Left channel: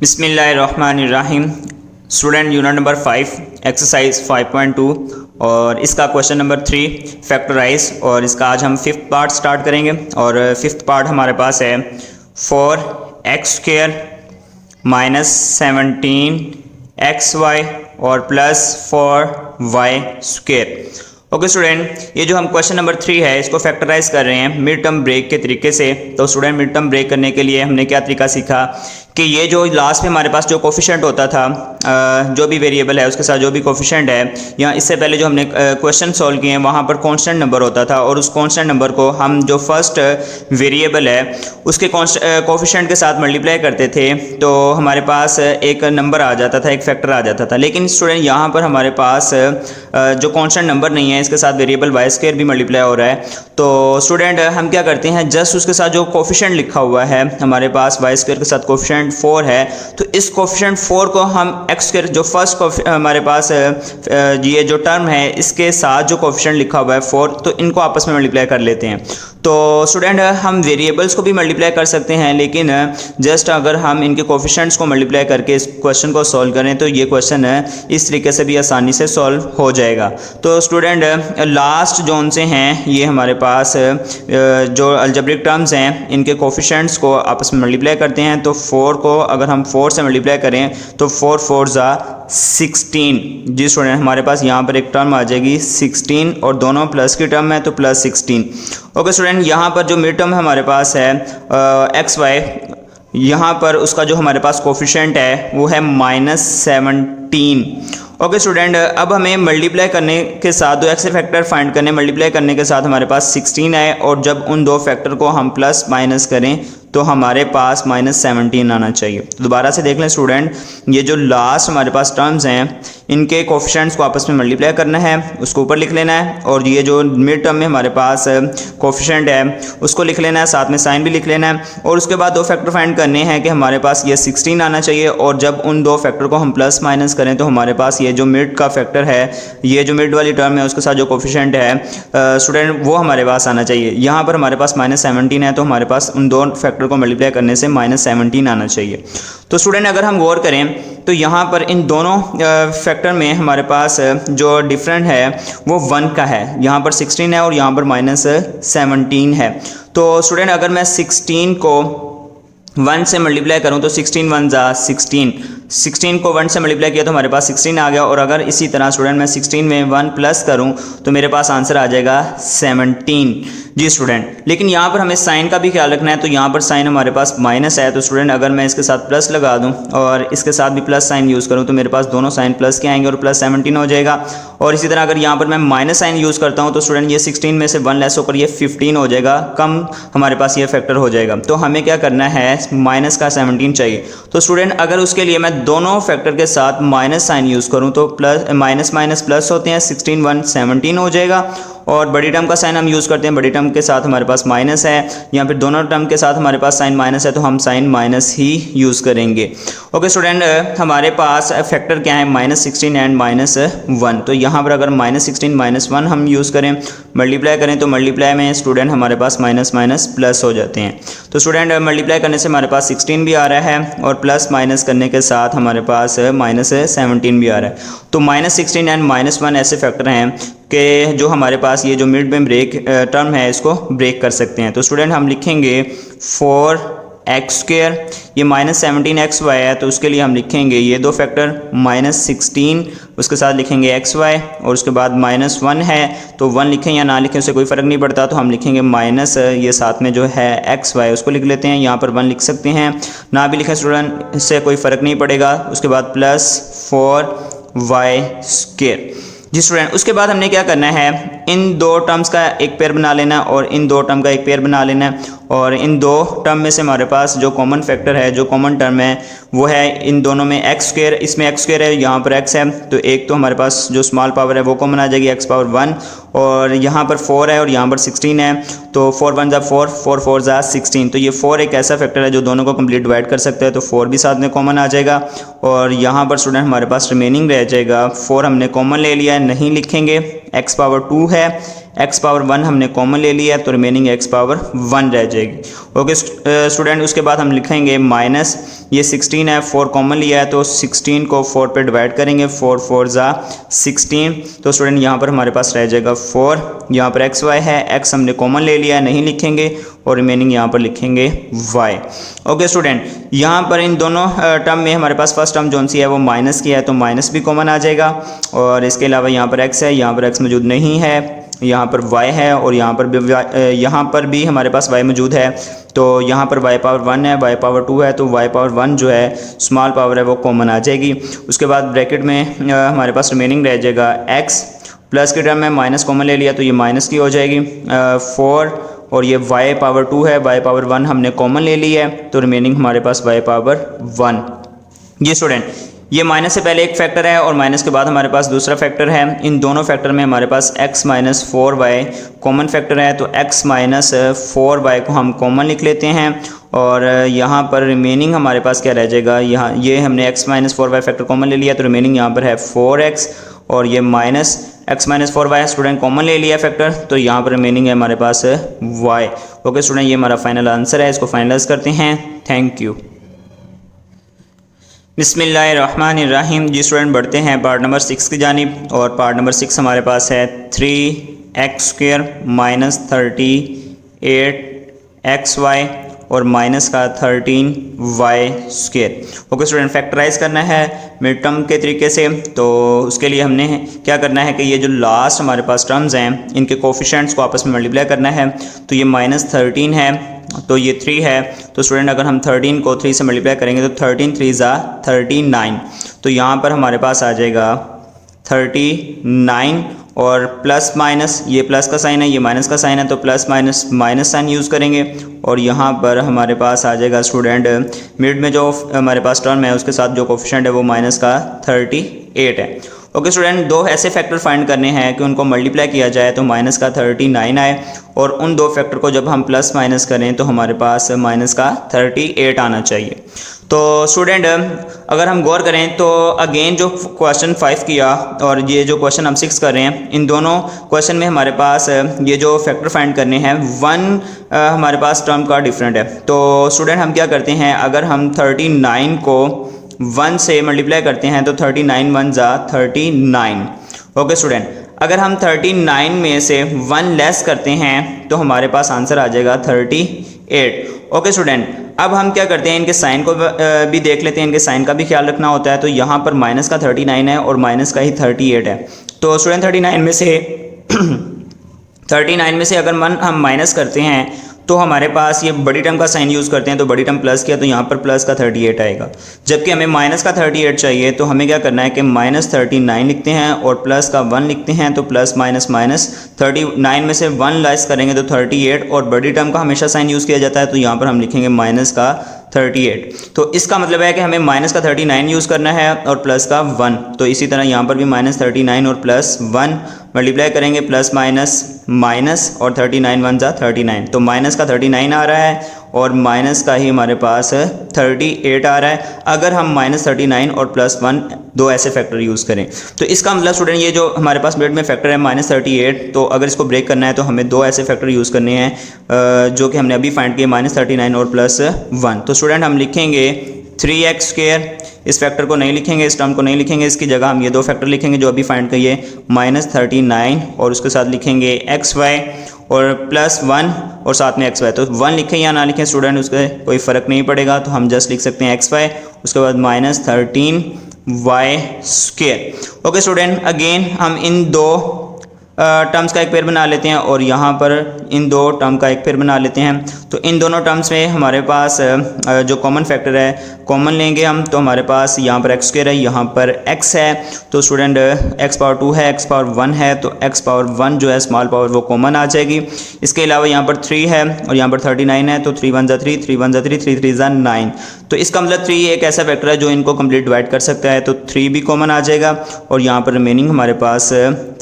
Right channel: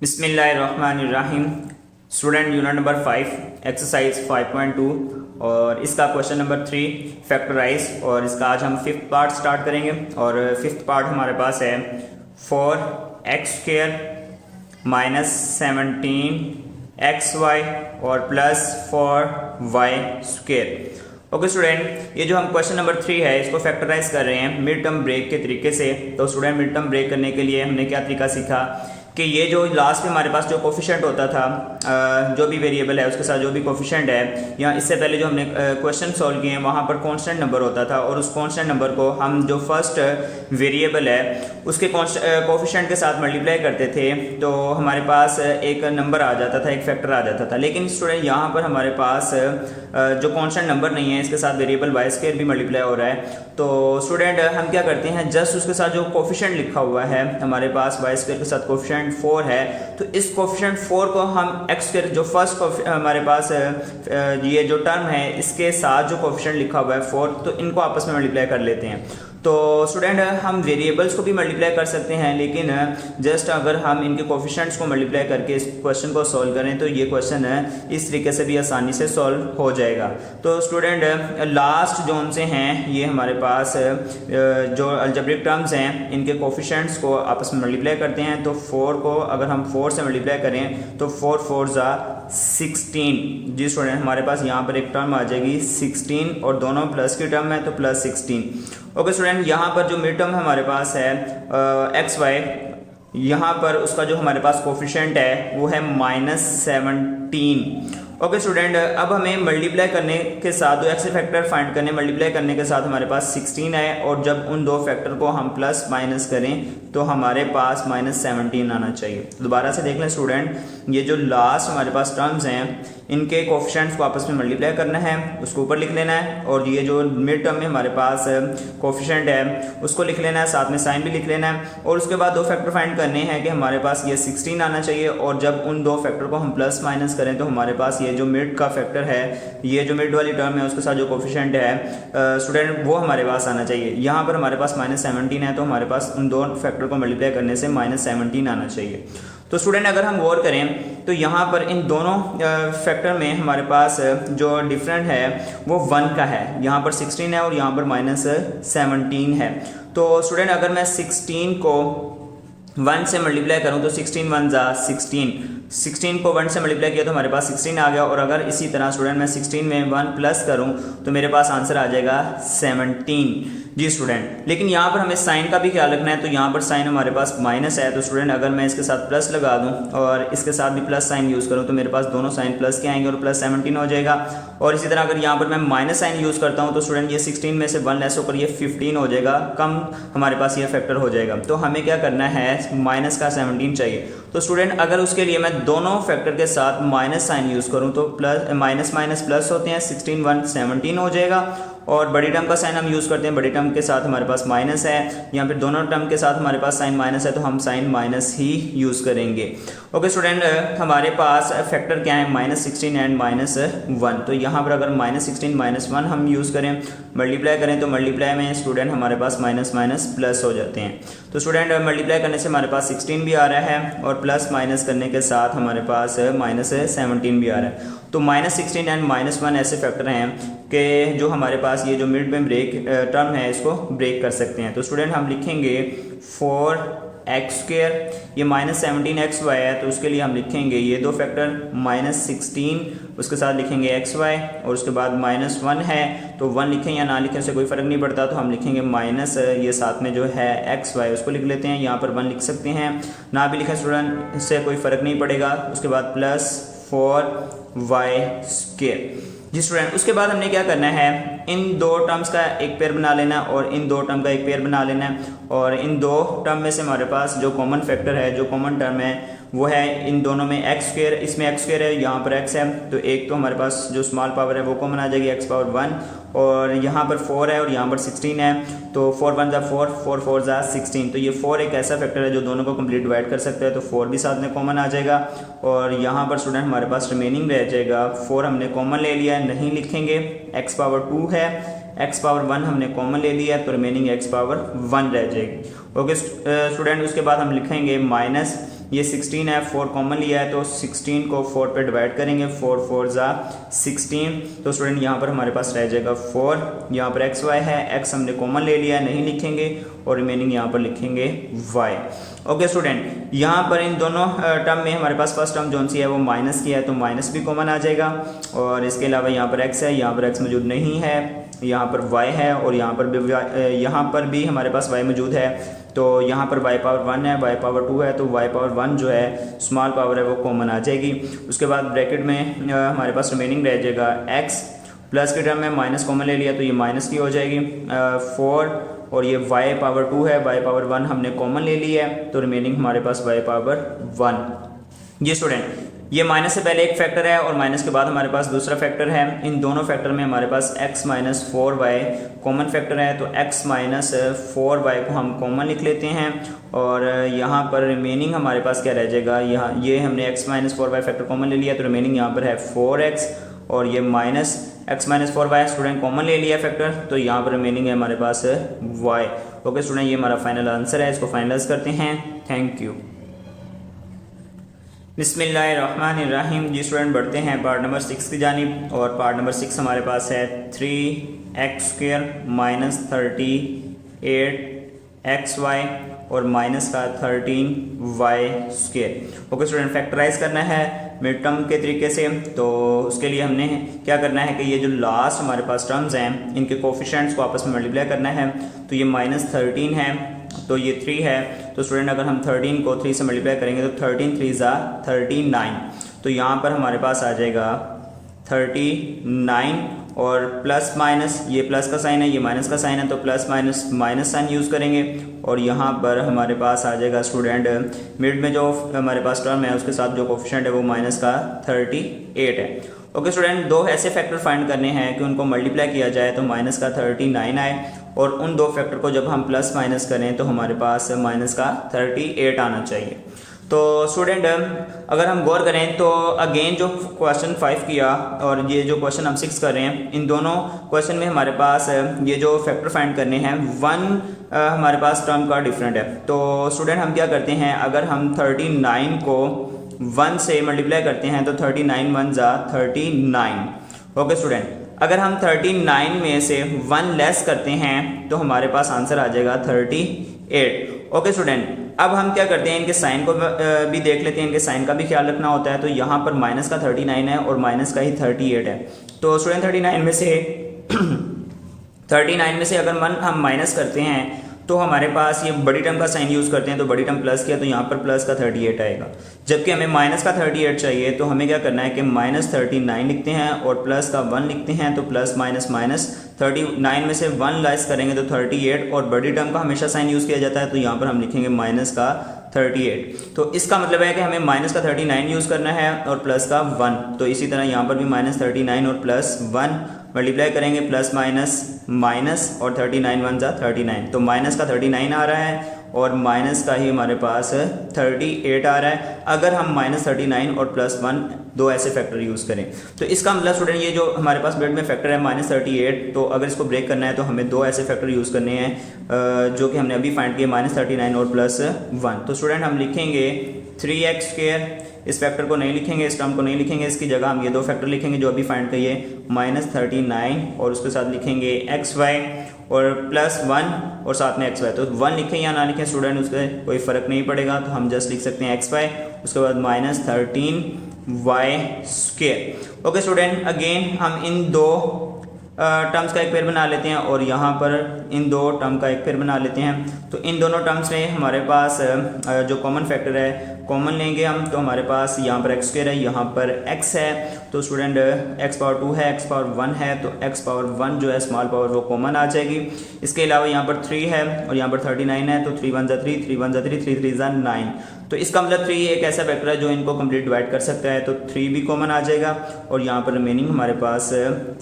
बिस्मिल्लाहिर्रहमानिर्रहीम। Student unit number 5 exercise 5.2 और इसका क्वेश्चन नंबर 3 फैक्टराइज। और इसका आज हम फिफ्थ पार्ट स्टार्ट करेंगे। और फिफ्थ पार्ट हमारे पास है 4x² माइनस 17xy और प्लस 4y²। ओके स्टूडेंट, ये जो हम क्वेश्चन नंबर 3 है इसको फैक्टराइज कर रहे हैं मिड टर्म ब्रेक के तरीके से। तो स्टूडेंट, मिड टर्म ब्रेक करने के लिए हमने क्या तरीका सीखा कि ये जो लास्ट में हमारे पास जो कोफिशिएंट होता था, जो भी वेरिएबल है उसके साथ जो भी कोफिशिएंट है, या इससे पहले जो हमने क्वेश्चन सॉल्व किए हैं वहाँ पर कांस्टेंट नंबर होता था और उस कांस्टेंट नंबर को हम जो फर्स्ट वेरिएबल है उसके कोफिशिएंट के साथ मल्टीप्लाई करते थे तो हमारे पास एक नंबर आ जाता था, एक फैक्टर आ जाता था। लेकिन स्टूडेंट यहाँ पर हमारे पास जो कांस्टेंट नंबर नहीं है, इसके साथ वेरिएबल y² भी मल्टीप्लाई हो रहा है। तो स्टूडेंट हम क्या करते हैं, जस्ट उसके साथ जो कोफिशिएंट लिखा हुआ है हमारे पास y² के साथ कोफिशिएंट 4 है, तो इस कोफिशिएंट 4 को हम x² जो फर्स्ट हमारे पास ये जो टर्म है इसके साथ जो कोफिशिएंट लिखा हुआ है 4, तो इनको आपस में मल्टीप्लाई कर लेते हैं। तो स्टूडेंट हम वेरिएबल्स को भी मल्टीप्लाई कर सकते हैं, लेकिन जस्ट अगर हम इनके कोफिशिएंट्स को मल्टीप्लाई करके इस क्वेश्चन को सॉल्व करें तो ये क्वेश्चन इस तरीके से भी आसानी से सॉल्व हो जाएगा। तो स्टूडेंट लास्ट जोन से हैं ये हमारे पास जो अलजेब्रिक टर्म्स हैं इनके कोफिशिएंट्स को आपस में मल्टीप्लाई करते हैं। तो 4 को अगर हम 4 से मल्टीप्लाई करें तो 4 4 ज़ा 16। जी स्टूडेंट, हमारे पास यहाँ पर एक टर्म आ जाएगी 16 और दोनों प्लस की टर्म है तो प्लस 16। ओके स्टूडेंट, यहाँ पर जो मिड टर्म हमारे पास है xy, यहाँ पर उसका जो हमारे पास कोफिशिएंट है वो है -17। ओके स्टूडेंट, अब हमें मल्टीप्लाई करने के साथ दो एक्स फैक्टर फाइंड करने, मल्टीप्लाई करने के साथ हमारे पास 16 है और जब उन दो फैक्टर को हम प्लस माइनस करें तो हमारे पास -17 आना चाहिए। तो दोबारा से देख लें स्टूडेंट, ये जो लास्ट हमारे पास टर्म्स हैं इनके कोफिशिएंट्स को आपस में मल्टीप्लाई करना है, उसको ऊपर लिख लेना है, और ये जो मिड टर्म में हमारे पास कोफिशिएंट है उसको लिख लेना है, साथ में साइन भी लिख लेना है। और उसके बाद दो फैक्टर फाइंड करने हैं कि हमारे पास ये 16 आना चाहिए और जब उन दो फैक्टर को हम प्लस माइनस करें तो हमारे पास ये जो मिड का फैक्टर है, ये जो मिड वाली टर्म है उसके साथ जो कोफिशिएंट है स्टूडेंट वो हमारे पास आना चाहिए। यहाँ पर हमारे पास -17 है तो हमारे पास उन दो फैक्टर को मल्टीप्लाई करने से -17 आना चाहिए। तो स्टूडेंट अगर हम गौर करें तो यहाँ पर इन दोनों फैक्टर में हमारे पास जो डिफरेंट है वो 1 का है, यहाँ पर 16 है और यहाँ पर -17 है। तो स्टूडेंट अगर मैं 16 को 1 से मल्टीप्लाई करूँ तो 16 1 ज़ा 16 को 1 से मल्टीप्लाई किया तो हमारे पास 16 आ गया। और अगर इसी तरह स्टूडेंट मैं 16 में 1 प्लस करूँ तो मेरे पास आंसर आ जाएगा 17। जी स्टूडेंट, लेकिन यहाँ पर हमें साइन का भी ख्याल रखना है। तो यहाँ पर साइन हमारे पास माइनस है, तो स्टूडेंट अगर मैं इसके साथ प्लस लगा दूँ और इसके साथ भी प्लस साइन यूज़ करूँ तो मेरे पास दोनों साइन प्लस के आएंगे और प्लस 17 हो जाएगा। और इसी तरह अगर यहाँ पर मैं माइनस साइन यूज़ करता हूँ तो स्टूडेंट ये 16 में से 1 लेस होकर ये 15 हो जाएगा, कम हमारे पास ये फैक्टर हो जाएगा। तो हमें क्या करना है, माइनस का 17 चाहिए। तो स्टूडेंट अगर उसके लिए मैं दोनों फैक्टर के साथ माइनस साइन यूज़ करूँ तो प्लस माइनस माइनस प्लस होते हैं, 16 1 17 हो जाएगा। और बड़ी टर्म का साइन हम यूज़ करते हैं, बड़ी टर्म के साथ हमारे पास माइनस है, यहाँ पर दोनों टर्म के साथ हमारे पास साइन माइनस है तो हम साइन माइनस ही यूज़ करेंगे। ओके स्टूडेंट, हमारे पास फैक्टर क्या है, -16 एंड -1। तो यहाँ पर अगर -16 -1 हम यूज़ करें, मल्टीप्लाई करें तो मल्टीप्लाई में स्टूडेंट हमारे पास माइनस माइनस प्लस हो जाते हैं। तो स्टूडेंट मल्टीप्लाई करने से हमारे पास 16 भी आ रहा है और प्लस माइनस करने के साथ हमारे पास -17 भी आ रहा है। तो -16 एंड -1 ऐसे फैक्टर हैं कि जो हमारे पास ये जो मिड में ब्रेक टर्म है इसको ब्रेक कर सकते हैं। तो स्टूडेंट हम लिखेंगे 4x², ये -17xy है तो उसके लिए हम लिखेंगे ये दो फैक्टर -16, उसके साथ लिखेंगे xy और उसके बाद -1 है तो 1 लिखें या ना लिखें उससे कोई फ़र्क नहीं पड़ता। तो हम लिखेंगे माइनस ये साथ में जो है xy उसको लिख लेते हैं, यहाँ पर 1 लिख सकते हैं, ना भी लिखें स्टूडेंट इससे कोई फ़र्क नहीं पड़ेगा। उसके बाद +4y²। जी स्टूडेंट, उसके बाद हमने क्या करना है, इन दो टर्म्स का एक पेयर बना लेना और इन दो टर्म का एक पेयर बना लेना है। और इन दो टर्म में से हमारे पास जो कॉमन फैक्टर है, जो कॉमन टर्म है वो है इन दोनों में x², इसमें x² है, यहाँ पर x है, तो एक तो हमारे पास जो स्मॉल पावर है वो कॉमन आ जाएगी x⁻1, और यहाँ पर 4 है और यहाँ पर 16 है तो 4 1 ज़ा 4 4 4 ज़ा 16। तो ये 4 एक ऐसा फैक्टर है जो दोनों को कंप्लीट डिवाइड कर सकता है, तो 4 भी साथ में कॉमन आ जाएगा। और यहाँ पर स्टूडेंट हमारे पास रिमेनिंग रह जाएगा 4 हमने कॉमन ले लिया है, नहीं लिखेंगे, x पावर 2 है, x पावर 1 हमने कॉमन ले लिया है तो रिमेनिंग x पावर 1 रह जाएगी। ओके स्टूडेंट, उसके बाद हम लिखेंगे माइनस, ये 16 है, 4 कॉमन लिया है तो 16 को 4 पे डिवाइड करेंगे, 4 4 ज़ा 16, तो स्टूडेंट यहाँ पर हमारे पास रह जाएगा 4, यहाँ पर x y है, x हमने कॉमन ले लिया है नहीं लिखेंगे और रिमेनिंग यहाँ पर लिखेंगे y। ओके स्टूडेंट, यहाँ पर इन दोनों टर्म में हमारे पास फर्स्ट टर्म जौन सी है वो माइनस की है तो माइनस भी कॉमन आ जाएगा, और इसके अलावा यहाँ पर x है, यहाँ पर x मौजूद नहीं है, यहाँ पर y है और यहाँ पर भी हमारे पास y मौजूद है, तो यहाँ पर y पावर 1 है, y पावर 2 है, तो y पावर 1 जो है स्मॉल पावर है वो कॉमन आ जाएगी। उसके बाद ब्रैकेट में हमारे पास रिमेनिंग रह जाएगा x, प्लस के टर्म में माइनस कॉमन ले लिया तो ये माइनस की हो जाएगी 4, और ये y पावर 2 है, y पावर 1 हमने कॉमन ले ली है तो रिमेनिंग हमारे पास y पावर 1। ये स्टूडेंट, ये माइनस से पहले एक फैक्टर है और माइनस के बाद हमारे पास दूसरा फैक्टर है। इन दोनों फैक्टर में हमारे पास x minus 4y common factor है तो x माइनस 4y को हम कॉमन लिख लेते हैं, और यहाँ पर रिमेनिंग हमारे पास क्या रह जाएगा, यहाँ ये हमने x minus 4y factor common ले लिया तो रिमेनिंग यहाँ पर है 4x, और ये minus x minus 4y student common ले लिया फैक्टर तो यहाँ पर रिमेनिंग है हमारे पास y। ओके स्टूडेंट, ये हमारा फाइनल आंसर है, इसको फाइनलाइज करते हैं। Thank you. बिस्मिल्लाहिर्रहमानिर्रहीम। जी स्टूडेंट, बढ़ते हैं पार्ट नंबर 6 की जानिब, और पार्ट नंबर 6 हमारे पास है 3x² माइनस 38xy और माइनस का 13y²। ओके स्टूडेंट, फैक्टराइज करना है मिड टर्म के तरीके से, तो उसके लिए हमने क्या करना है कि ये जो लास्ट हमारे पास टर्म्स हैं इनके कोफिशिएंट्स को आपस में मल्टीप्लाई करना है। तो ये -13 है तो ये 3 है, तो स्टूडेंट अगर हम 13 को 3 से मल्टीप्लाई करेंगे तो 13 3 ज़ा 39, तो यहाँ पर हमारे पास आ जाएगा 39, और प्लस माइनस, ये प्लस का साइन है ये माइनस का साइन है तो plus minus minus sign use करेंगे, और यहाँ पर हमारे पास आ जाएगा स्टूडेंट मिड में जो हमारे पास टर्म है उसके साथ जो कोफिशिएंट है वो माइनस का 38 है। ओके स्टूडेंट, दो ऐसे फैक्टर फाइंड करने हैं कि उनको मल्टीप्लाई किया जाए तो माइनस का 39 आए, और उन दो फैक्टर को जब हम प्लस माइनस करें तो हमारे पास माइनस का 38 आना चाहिए। तो स्टूडेंट अगर हम गौर करें तो अगेन जो क्वेश्चन 5 किया और ये जो क्वेश्चन हम 6 कर रहे हैं, इन दोनों क्वेश्चन में हमारे पास ये जो फैक्टर फाइंड करने हैं 1 हमारे पास टर्म का डिफरेंट है। तो स्टूडेंट हम क्या करते हैं, अगर हम 39 को 1 से मल्टीप्लाई करते हैं तो 39 1 ज़ा 39। ओके स्टूडेंट, अगर हम 39 में से 1 लेस करते हैं तो हमारे पास आंसर आ जाएगा 38। ओके स्टूडेंट, अब हम क्या करते हैं, इनके साइन को भी देख लेते हैं, इनके साइन का भी ख्याल रखना होता है। तो यहाँ पर माइनस का 39 है और माइनस का ही 38 है, तो स्टूडेंट 39 में से अगर हम माइनस करते हैं तो हमारे पास ये बड़ी टर्म का साइन यूज़ करते हैं, तो बड़ी टर्म प्लस किया तो यहाँ पर प्लस का 38 आएगा। जबकि हमें माइनस का 38 चाहिए तो हमें क्या करना है कि -39 लिखते हैं और प्लस का 1 लिखते हैं, तो प्लस माइनस माइनस 39 में से 1 लेस करेंगे तो 38, और बड़ी टर्म का हमेशा साइन यूज़ किया जाता है तो यहाँ पर हम लिखेंगे माइनस का 38। तो इसका मतलब है कि हमें माइनस का 39 यूज़ करना है और प्लस का 1, तो इसी तरह यहाँ पर भी -39 और प्लस 1 मल्टीप्लाई करेंगे, प्लस माइनस माइनस और 39 1 ज़ा 39, तो माइनस का 39 आ रहा है और माइनस का ही हमारे पास 38 आ रहा है। अगर हम -39 और प्लस 1 दो ऐसे फैक्टर यूज़ करें तो इसका मतलब स्टूडेंट ये जो हमारे पास मिड में फैक्टर है -38, तो अगर इसको ब्रेक करना है तो हमें दो ऐसे फैक्टर यूज़ करने हैं जो कि हमने अभी फाइंड किए, -39 और प्लस 1। तो स्टूडेंट हम लिखेंगे 3x², इस फैक्टर को नहीं लिखेंगे, इस टर्म को नहीं लिखेंगे, इसकी जगह हम ये दो फैक्टर लिखेंगे जो अभी फाइंड किए, -39 और उसके साथ लिखेंगे xy और प्लस 1 और साथ में xy। तो 1 लिखें या ना लिखें स्टूडेंट उसका कोई फ़र्क नहीं पड़ेगा, तो हम जस्ट लिख सकते हैं xy, उसके बाद -13y²। ओके स्टूडेंट, अगेन हम इन दो टर्म्स का एक पेयर बना लेते हैं और यहाँ पर इन दो टर्म का एक पेयर बना लेते हैं। तो इन दोनों टर्म्स में हमारे पास जो कॉमन फैक्टर है कॉमन लेंगे हम, तो हमारे पास यहाँ पर x² है, यहाँ पर x है, तो स्टूडेंट x पावर 2 है, x पावर 1 है, तो x पावर 1 जो है स्मॉल पावर वो कॉमन आ जाएगी। इसके अलावा यहाँ पर 3 है और यहाँ पर 39 है, तो 3 1 ज़ा 3, 3 1 ज़ा 3, 3 3 ज़ा 9। तो इसका मतलब 3 एक ऐसा फैक्टर है जो इनको कंप्लीट डिवाइड कर सकता है, तो 3 भी कॉमन आ जाएगा और यहाँ पर रिमेनिंग हमारे पास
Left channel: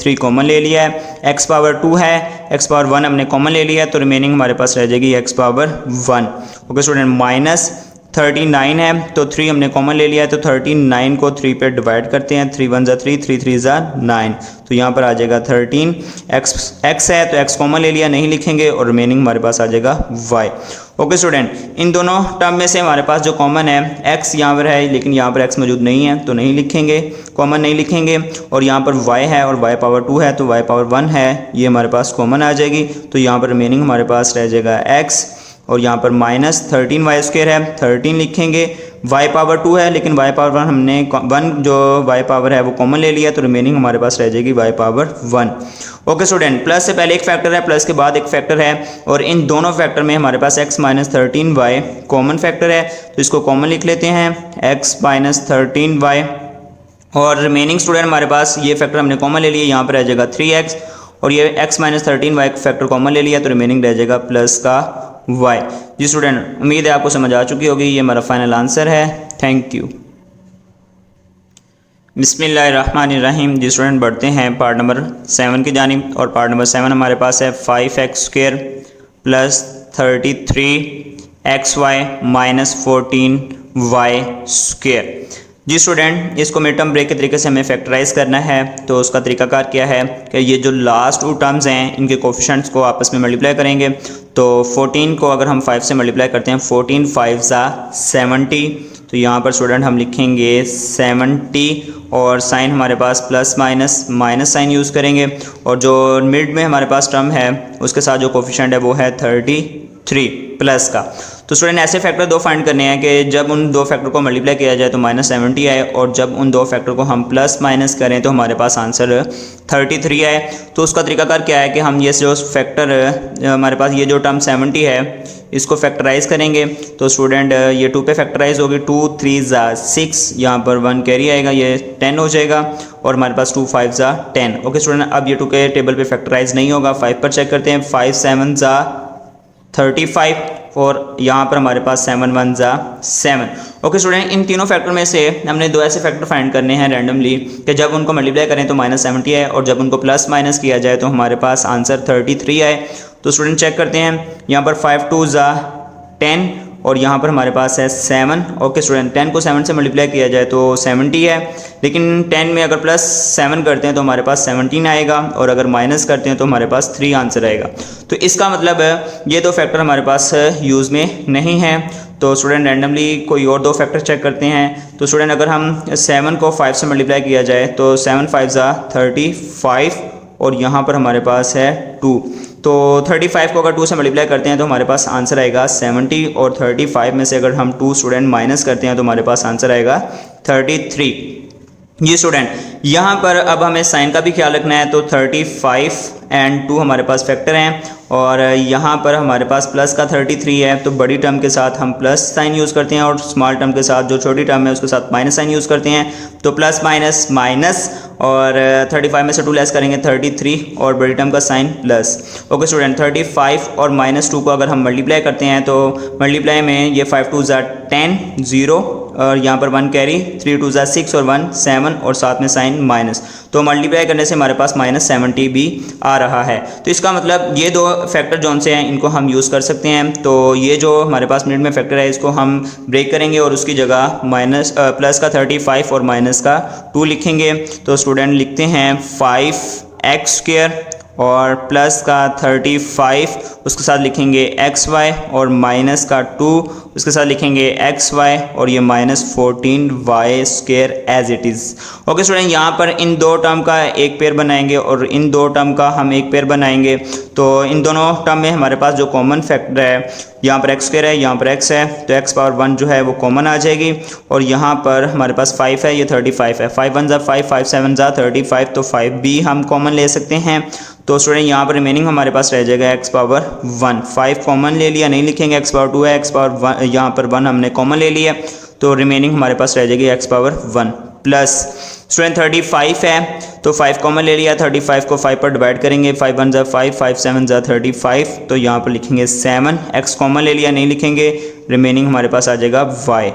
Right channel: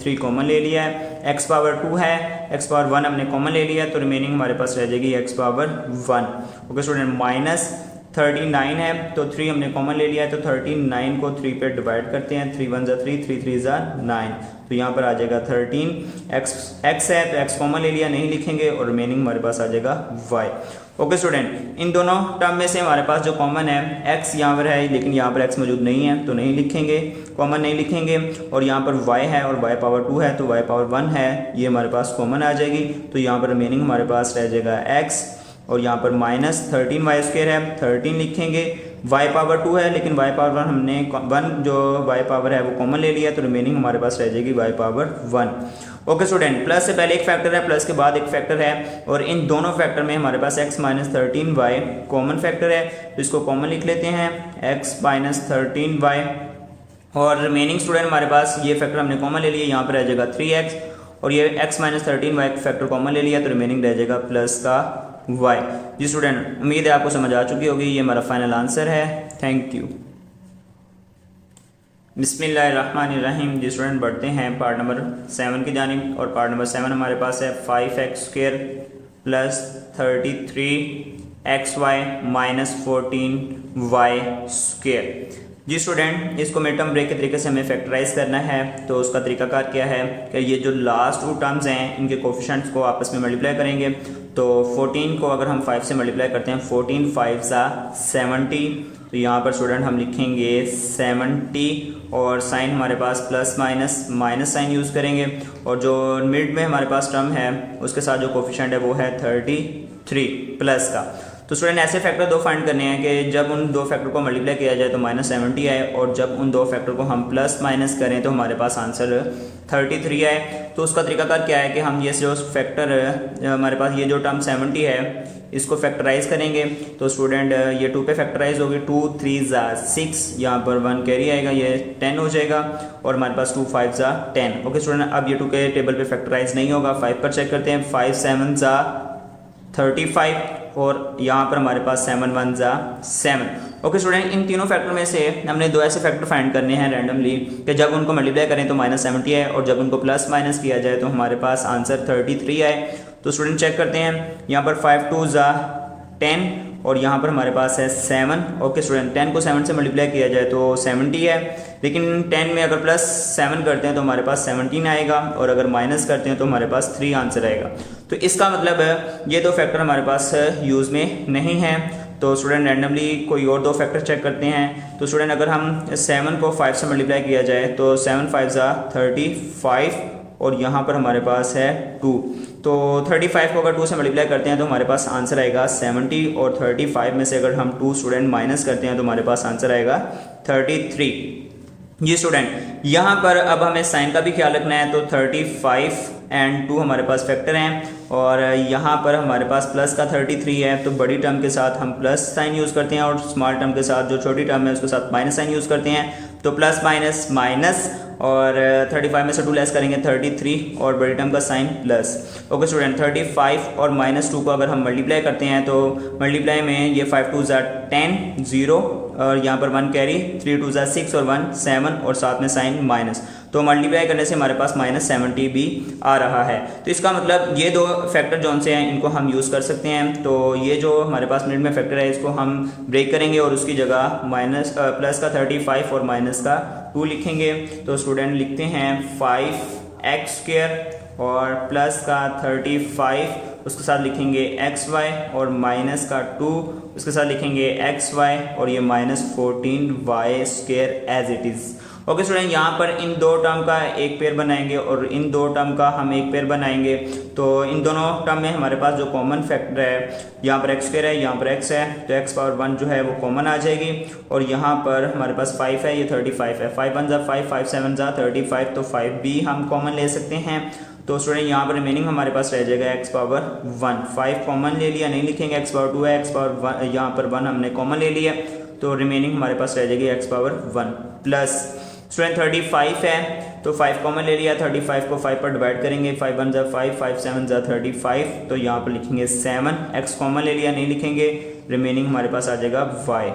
3 कॉमन ले लिया है। x पावर 2 है, x पावर 1 हमने कॉमन ले लिया है, तो रिमेनिंग हमारे पास रह जाएगी x power 1। Okay student, minus 39 है, तो 3 हमने कॉमन ले लिया है, तो 39 को 3 पे डिवाइड करते हैं, 3 1 3, 3 3 9, तो यहाँ पर आ जाएगा 13। x है तो x कॉमन ले लिया, नहीं लिखेंगे, और रिमेनिंग हमारे पास आ जाएगा y। ओके स्टूडेंट, इन दोनों टर्म में से हमारे पास जो कॉमन है x यहाँ पर है, लेकिन यहाँ पर x मौजूद नहीं है तो नहीं लिखेंगे, कॉमन नहीं लिखेंगे, और यहाँ पर y है और y पावर 2 है तो y पावर 1 है, ये हमारे पास कॉमन आ जाएगी, तो यहाँ पर रिमेनिंग हमारे पास रह जाएगा x, और यहाँ पर माइनस 13y स्क्वायर है, 13 लिखेंगे, y पावर 2 है लेकिन y पावर 1 हमने 1 जो y पावर है वो कॉमन ले लिया, तो रिमेनिंग हमारे पास रह जाएगी y power 1। Okay student, plus से पहले एक फैक्टर है, प्लस के बाद एक फैक्टर है, और इन दोनों फैक्टर में हमारे पास x minus 13y common factor है, तो इसको कॉमन लिख लेते हैं, x माइनस 13y, और रिमेनिंग स्टूडेंट हमारे पास ये फैक्टर हमने कॉमन ले लिया, यहाँ पर रह जाएगा 3x, और ये x minus 13y factor common ले लिया, तो रिमेनिंग रह जाएगा प्लस का y। जी स्टूडेंट, उम्मीद है आपको समझ आ चुकी होगी, ये हमारा फाइनल आंसर है। Thank you. बिस्मिल्लाहिर्रहमानिर्रहीम। जी स्टूडेंट, बढ़ते हैं पार्ट नंबर 7 की जानिब, और पार्ट नंबर 7 हमारे पास है 5x square plus 33xy minus 14y square. जी स्टूडेंट, इसको मिड टर्म ब्रेक के तरीके से हमें फैक्टराइज करना है, तो उसका तरीकाकार क्या है कि ये जो लास्ट 2 टर्म्स हैं इनके कोफिशिएंट्स को आपस में मल्टीप्लाई करेंगे, तो 14 को अगर हम 5 से मल्टीप्लाई करते हैं, 14 5 70, तो यहाँ पर स्टूडेंट हम लिखेंगे 70, और साइन हमारे पास plus minus minus sign use करेंगे, और जो मिड में हमारे पास टर्म है उसके साथ जो कोफिशिएंट है वो है 33 प्लस का। तो स्टूडेंट ऐसे फैक्टर 2 फाइंड करने हैं कि जब उन 2 फैक्टर को मल्टीप्लाई किया जाए तो माइनस 70 आए, और जब उन 2 फैक्टर को हम प्लस माइनस करें तो हमारे पास आंसर 33 आए। तो उसका तरीकाकार क्या है कि हम ये जो फैक्टर हमारे पास ये जो टर्म 70 है इसको फैक्टराइज करेंगे, तो स्टूडेंट ये 2 पे फैक्टराइज होगी, 2 3 6, यहाँ पर 1 कैरी आएगा, ये 10 हो जाएगा, और हमारे पास 2 5 10। ओके स्टूडेंट, अब ये 2 के टेबल पे फैक्टराइज नहीं होगा, 5 पर चेक करते हैं, 5 7 35, और यहाँ पर हमारे पास 7 1 7। ओके स्टूडेंट, इन तीनों फैक्टर में से हमने 2 ऐसे फैक्टर फाइंड करने हैं रैंडमली कि जब उनको मल्टीप्लाई करें तो माइनस 70 आए, और जब उनको प्लस माइनस किया जाए तो हमारे पास आंसर 33 आए। तो स्टूडेंट चेक करते हैं, यहाँ पर 5 2 10, और यहाँ पर हमारे पास है 7। ओके स्टूडेंट, 10 को 7 से मल्टीप्लाई किया जाए तो 70 है, लेकिन 10 में अगर प्लस 7 करते हैं तो हमारे पास 17 आएगा, और अगर माइनस करते हैं तो हमारे पास 3 आंसर आएगा। तो इसका मतलब ये 2 फैक्टर हमारे पास यूज़ में नहीं है। तो स्टूडेंट रैंडमली कोई और 2 फैक्टर चेक करते हैं। तो स्टूडेंट अगर हम 7 को 5 से मल्टीप्लाई किया जाए तो 7 5 35, और यहाँ पर हमारे पास है 2, तो 35 को अगर 2 से मल्टीप्लाई करते हैं तो हमारे पास आंसर आएगा 70, और 35 में से अगर हम 2 स्टूडेंट माइनस करते हैं तो हमारे पास आंसर आएगा 33। जी स्टूडेंट, यहाँ पर अब हमें साइन का भी ख्याल रखना है, तो 35 एंड 2 हमारे पास फैक्टर हैं, और यहाँ पर हमारे पास प्लस का 33 है, तो बड़ी टर्म के साथ हम प्लस साइन यूज़ करते हैं, और स्मॉल टर्म के साथ जो छोटी टर्म है उसके साथ माइनस साइन यूज़ करते हैं, तो प्लस माइनस माइनस, और 35 में से 2 लेस करेंगे 33, और बड़ी टर्म का साइन प्लस। ओके स्टूडेंट, 35 और माइनस 2 को अगर हम मल्टीप्लाई करते हैं तो मल्टीप्लाई में ये 5 2 10 0, और यहाँ पर 1 कैरी, 3 2 6 और 1 7, और साथ में साइन माइनस, तो मल्टीप्लाई करने से हमारे पास माइनस 70 भी आ रहा है। तो इसका मतलब ये 2 फैक्टर जौन से हैं इनको हम यूज़ कर सकते हैं। तो ये जो हमारे पास मिनट में फैक्टर है इसको हम ब्रेक करेंगे, और उसकी जगह माइनस प्लस का 35 और माइनस का 2 लिखेंगे। तो स्टूडेंट लिखते हैं 5x स्क्वायर और प्लस का 35 उसके साथ लिखेंगे xy, और माइनस का 2 उसके साथ लिखेंगे xy, और ये minus 14y square as it is. Okay student, यहाँ पर इन 2 टर्म का एक पेयर बनाएंगे और इन 2 टर्म का हम एक पेयर बनाएंगे। तो इन दोनों टर्म में हमारे पास जो कॉमन फैक्टर है, यहाँ पर x स्क्वायर है, यहाँ पर x है, तो x पावर 1 जो है वो कॉमन आ जाएगी, और यहाँ पर हमारे पास 5 है, ये 35 है, 5 1 5 5 7 35, तो 5 भी हम कॉमन ले सकते हैं। तो स्टूडेंट यहाँ पर रिमेनिंग हमारे पास रह जाएगा x पावर 1, 5 कॉमन ले लिया, नहीं लिखेंगे, x पावर 2 है, x पावर 1, यहाँ पर 1 हमने कॉमन ले लिया, तो रिमेनिंग हमारे पास रह जाएगी x पावर 1 प्लस स्टूडेंट 35 है, तो 5 कॉमन ले लिया, 35 को 5 पर डिवाइड करेंगे, 5 1 5 5 7 35, तो यहाँ पर लिखेंगे 7, x कॉमन ले लिया, नहीं लिखेंगे, रिमेनिंग हमारे पास आ जाएगा y।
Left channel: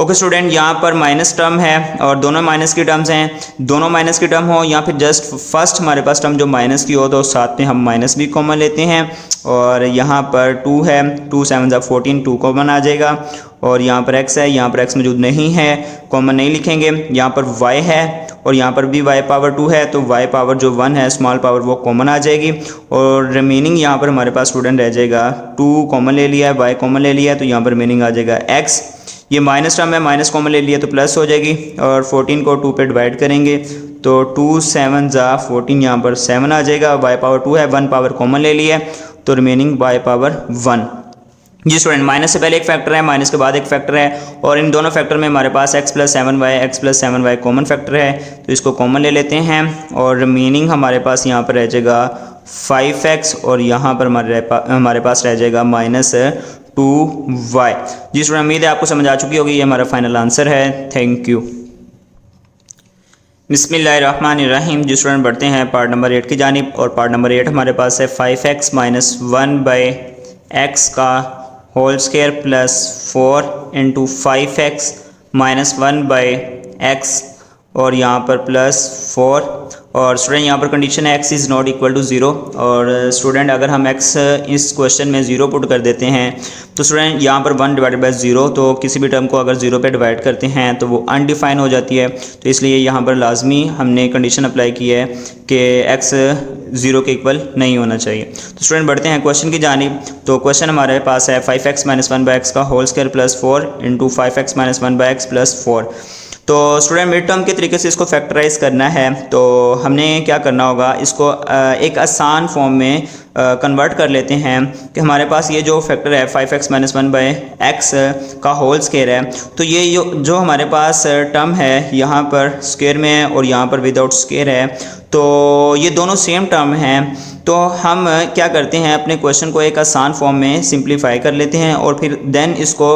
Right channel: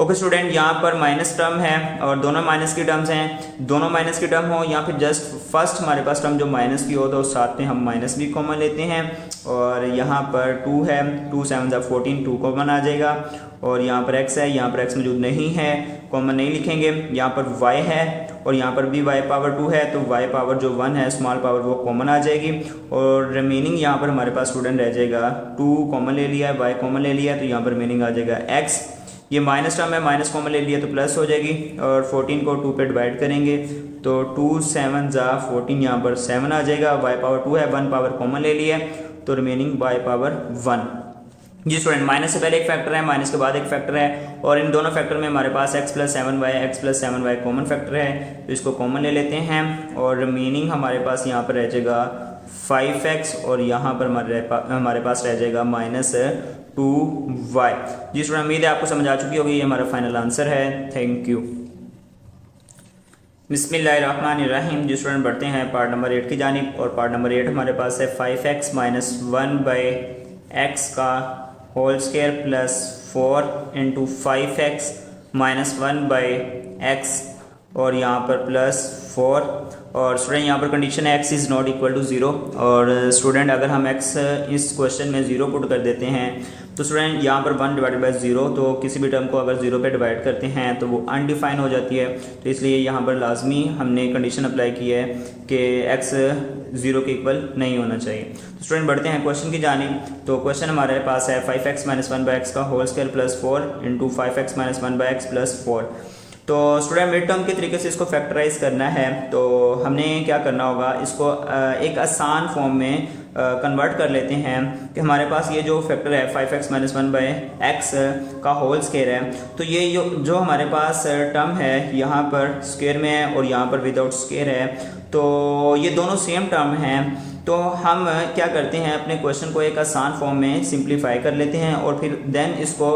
ओके स्टूडेंट, यहाँ पर माइनस टर्म है और दोनों माइनस की टर्म्स हैं, दोनों माइनस की टर्म हो या फिर जस्ट फर्स्ट हमारे पास टर्म जो माइनस की हो तो साथ में हम माइनस भी कॉमन लेते हैं। और यहाँ पर 2 है, 2 7 14, 2 कॉमन आ जाएगा। और यहाँ पर x है, यहाँ पर x मौजूद नहीं है, कॉमन नहीं लिखेंगे। यहाँ पर y है और यहाँ पर भी y पावर 2 है, तो y पावर जो 1 है स्मॉल पावर वो कॉमन आ जाएगी। और रिमेनिंग यहाँ पर हमारे पास स्टूडेंट रह जाएगा 2 कॉमन ले लिया है, y कॉमन ले लिया है, तो यहाँ पर रिमेनिंग आ जाएगा x। ये माइनस टर्म है, माइनस कॉमन ले लिया तो प्लस हो जाएगी। और 14 को 2 पे डिवाइड करेंगे तो 2 7 14, यहाँ पर 7 आ जाएगा। y पावर 2 है, 1 पावर कॉमन ले लिया है, तो रिमेनिंग y पावर 1। जी स्टूडेंट, माइनस से पहले एक फैक्टर है, माइनस के बाद एक फैक्टर है, और इन दोनों फैक्टर में हमारे पास x + 7y कॉमन फैक्टर है, तो इसको कॉमन ले लेते हैं। और रिमेनिंग हमारे पास यहाँ पर रह जाएगा 5x और यहाँ पर हमारे पास रह जाएगा -2y। जी स्टूडेंट, उम्मीद है आपको समझ आ चुकी होगी, ये हमारा फाइनल आंसर है। Thank you. बिस्मिल्लाहिर्रहमानिर्रहीम। जी स्टूडेंट, बढ़ते हैं पार्ट नंबर 8 की जानिब। और पार्ट नंबर 8 हमारे पास है 5x - 1/x का whole square plus 4 × 5x - 1/x और यहाँ पर प्लस 4। और स्टूडेंट यहाँ पर कंडीशन है x is not equal to 0। और स्टूडेंट अगर हम x इस क्वेश्चन में 0 पुट कर देते हैं तो स्टूडेंट यहाँ पर 1/0, तो किसी भी टर्म को अगर 0 पे डिवाइड करते हैं तो वो अनडिफाइन हो जाती है। तो इसलिए यहाँ पर लाजमी हमने कंडीशन अप्लाई की है कि x 0 के इक्वल नहीं होना चाहिए। तो स्टूडेंट बढ़ते हैं क्वेश्चन की जानिब। तो क्वेश्चन हमारे पास है 5x - 1/x का whole square plus 4 × 5x - 1/x plus 4। तो स्टूडेंट मिड टर्म के तरीके से इसको फैक्टराइज करना है, तो हमने क्या करना होगा, इसको एक आसान फॉर्म में कन्वर्ट कर लेते हैं कि हमारे पास ये जो फैक्टर है 5x - 1/x का होल स्क्वायर है, तो ये जो हमारे पास टर्म है यहाँ पर स्क्वायर में है और यहाँ पर विदाउट स्क्वायर है, तो ये दोनों सेम टर्म हैं। तो हम क्या करते हैं, अपने क्वेश्चन को एक आसान फॉर्म में सिंप्लीफाई कर लेते हैं और फिर देन इसको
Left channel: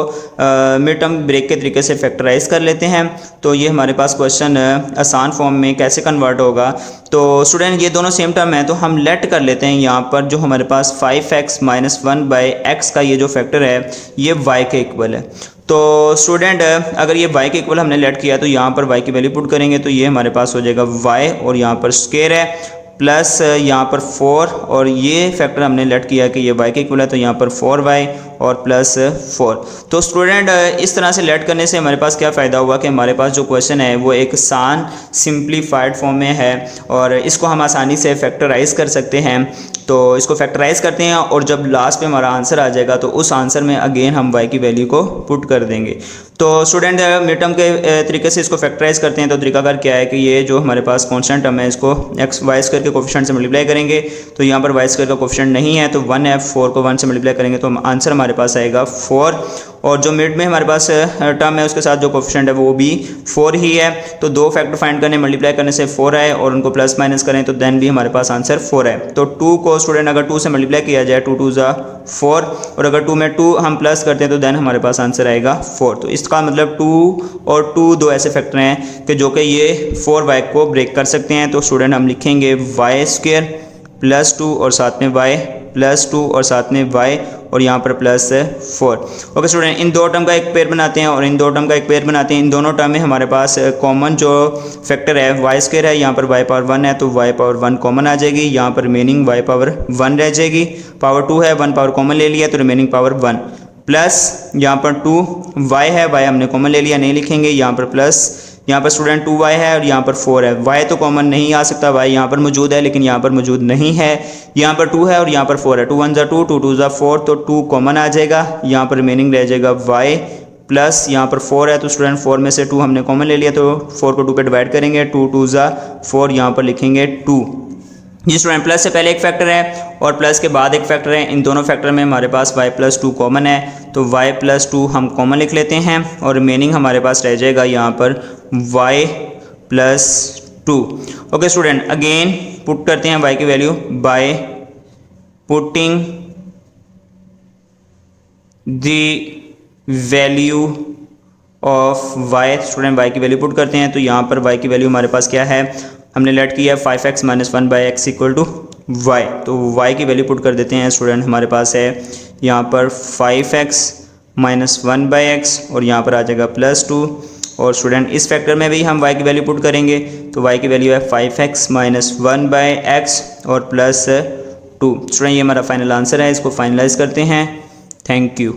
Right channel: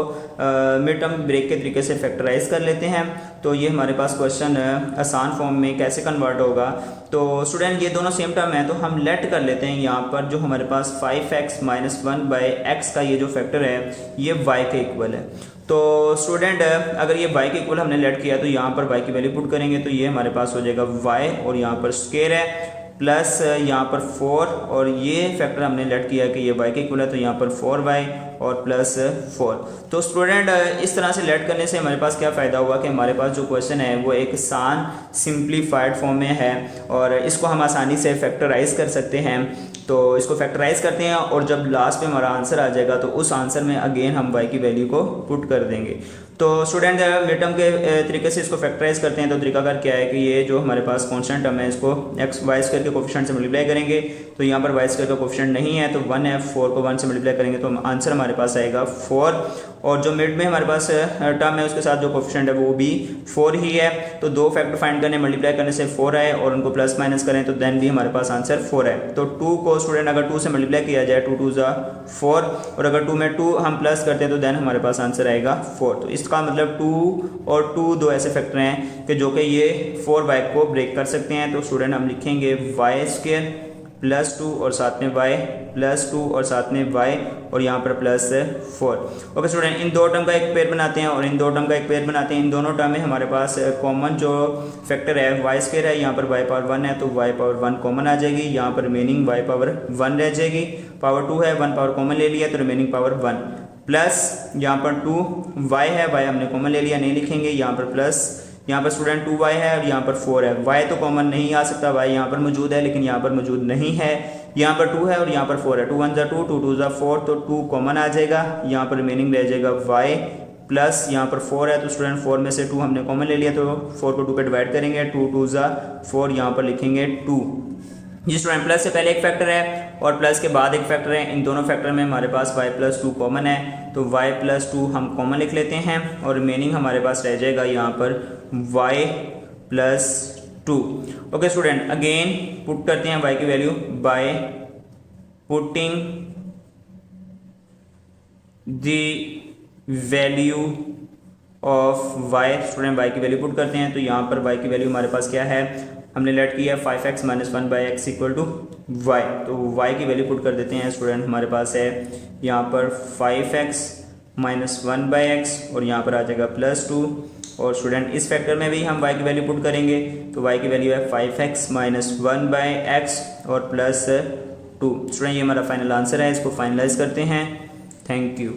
मिड टर्म ब्रेक के तरीके से फैक्टराइज कर लेते हैं। तो ये हमारे पास क्वेश्चन आसान फॉर्म में कैसे कन्वर्ट होगा। तो स्टूडेंट ये दोनों सेम टर्म है, तो हम लेट कर लेते हैं यहाँ पर जो हमारे पास 5x - 1/x का ये जो फैक्टर है ये y के इक्वल है। तो स्टूडेंट अगर ये y के इक्वल हमने लेट किया तो यहाँ पर y की वैल्यू पुट करेंगे तो ये हमारे पास हो जाएगा y और यहाँ पर स्क्वायर है प्लस यहाँ पर 4 और ये फैक्टर हमने लेट किया कि ये y के इक्वल है, तो यहाँ पर 4y और प्लस 4। तो स्टूडेंट इस तरह से लेट करने से हमारे पास क्या फ़ायदा हुआ कि हमारे पास जो क्वेश्चन है वो एक आसान सिंप्लीफाइड फॉर्म में है और इसको हम आसानी से फैक्टराइज कर सकते हैं। तो इसको फैक्टराइज करते हैं और जब लास्ट पे हमारा आंसर आ जाएगा तो उस आंसर में अगेन हम y की वैल्यू को पुट कर देंगे। तो स्टूडेंट मिड टर्म के तरीके से इसको फैक्टराइज करते हैं, तो तरीकाकार क्या है कि ये जो हमारे पास कांस्टेंट टर्म है इसको y स्क्वायर के कोफिशिएंट से मल्टीप्लाई करेंगे, तो यहाँ पर y स्क्वायर का कोफिशिएंट नहीं है तो 1 है, 4 को 1 से मल्टीप्लाई करेंगे तो आंसर हमारे पास आएगा 4। और जो मिड में हमारे पास टर्म है उसके साथ जो कोफिशिएंट है वो भी 4 ही है, तो दो फैक्टर फाइंड करने मल्टीप्लाई करने से 4 आए और उनको प्लस माइनस करें तो देन भी हमारे पास आंसर 4 है। तो 2 को स्टूडेंट अगर 2 से मल्टीप्लाई किया जाए 2 2 4 और अगर 2 में 2 हम प्लस करते हैं तो देन हमारे पास आंसर आएगा 4। तो इसका मतलब 2 और 2 दो ऐसे फैक्टर हैं कि जो कि ये 4y को ब्रेक कर सकते हैं। तो स्टूडेंट हम लिखेंगे y स्क्वायर प्लस 2 और साथ में y प्लस 2 और साथ में y और यहाँ पर प्लस 4। ओके स्टूडेंट, इन दो टर्म का एक पेयर बनाते हैं और इन दो टर्म का एक पेयर बनाते हैं। इन दोनों टर्म में हमारे पास कॉमन जो फैक्टर है y स्क्वायर है, यहाँ पर y पावर 1 है तो y पावर 1 कॉमन आ जाएगी, यहाँ पर रिमेनिंग y पावर 1 रह जाएगी, पावर 2 है 1 पावर कॉमन ले लिया तो रिमेनिंग पावर 1 प्लस यहाँ पर 2y है, y हमने कॉमन ले लिया नहीं लिखेंगे, यहाँ पर प्लस यहाँ पर स्टूडेंट 2y है और यहाँ पर 4 है। y तो कॉमन नहीं आ सकता, y यहाँ पर मौजूद है लेकिन यहाँ पर मौजूद नहीं है। यहाँ पर 2 है और यहाँ पर 4 है, 2 1 2 2 2 4 तो 2 कॉमन आ जाएगा, यहाँ पर रिमेनिंग रह जाएगा y प्लस यहाँ पर 4 है तो स्टूडेंट 4 में से 2 हमने कॉमन ले लिया तो 4 को 2 पे डिवाइड करेंगे, 2 2 4 यहाँ पर लिखेंगे 2। जी स्टूडेंट, प्लस से पहले एक फैक्टर है और प्लस के बाद एक फैक्टर है, इन दोनों फैक्टर में हमारे पास y प्लस 2 कॉमन है तो y प्लस 2 हम कॉमन लिख लेते हैं और रिमेनिंग हमारे पास रह जाएगा यहाँ पर y plus 2। Okay student, again put करते हैं y की value by putting the value of y। Student y की वैल्यू पुट करते हैं तो यहाँ पर y की वैल्यू हमारे पास क्या है, हमने लेट किया है 5x - 1/x equal to y, तो y की वैल्यू पुट कर देते हैं। स्टूडेंट हमारे पास है यहाँ पर 5x -1/x और यहाँ पर आ जाएगा +2। और स्टूडेंट इस फैक्टर में भी हम y की वैल्यू पुट करेंगे तो y की वैल्यू है 5x - 1/x और +2। स्टूडेंट ये हमारा फाइनल आंसर है, इसको फाइनलाइज करते हैं। Thank you.